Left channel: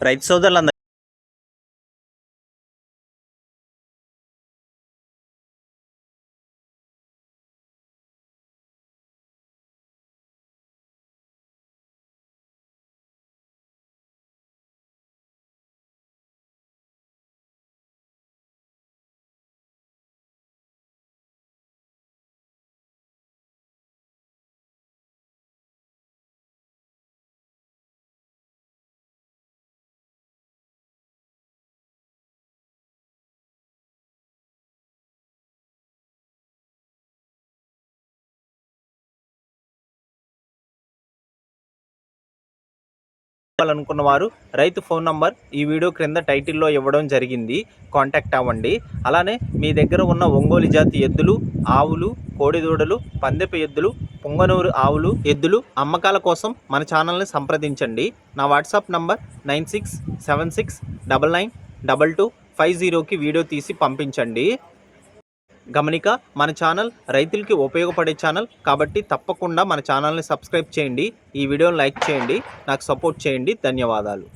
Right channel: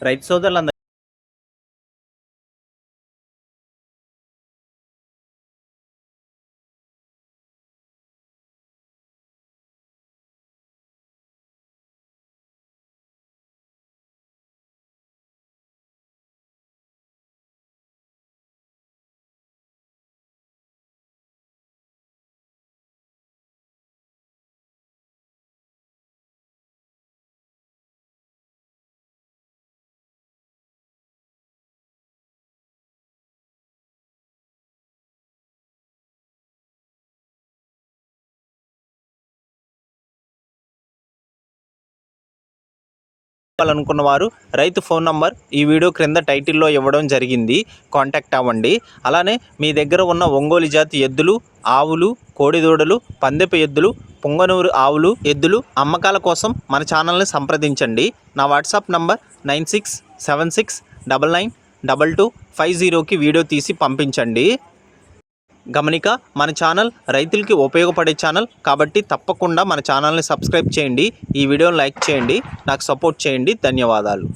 రైతు సోదరులందరూ అనుకున్న వారు రైతు ఫోన్ నంబర్ ఈ వీడియో క్రింద టైటిల్లో ఇవ్వడం జరిగింది, కాంటాక్ట్ అవ్వండి. అలానే మీ దగ్గర ఉన్న ఒంగోలు జాతి ఎద్దులు, ఆవులు, కోడిదూడలు, పందెపు ఎద్దులు, పొంగనూరు ఆవులు, ఎద్దులు అమ్మకాల కోసం మన ఛానల్ని సంప్రదించండి. నా వాట్సాప్ నంబర్ 9676992250కి వీడియో తీసి పంపించండి. గమనిక, మన ఛానల్ రైతులకి ఉపయోగపడే ఛానల్ కాబట్టి తప్పకుండా మన ఛానల్ని సబ్స్క్రైబ్ చేయండి. ఈ వీడియోని లైక్ చేయండి, నాకు సపోర్ట్ చేయండి. ధన్యవాదాలు.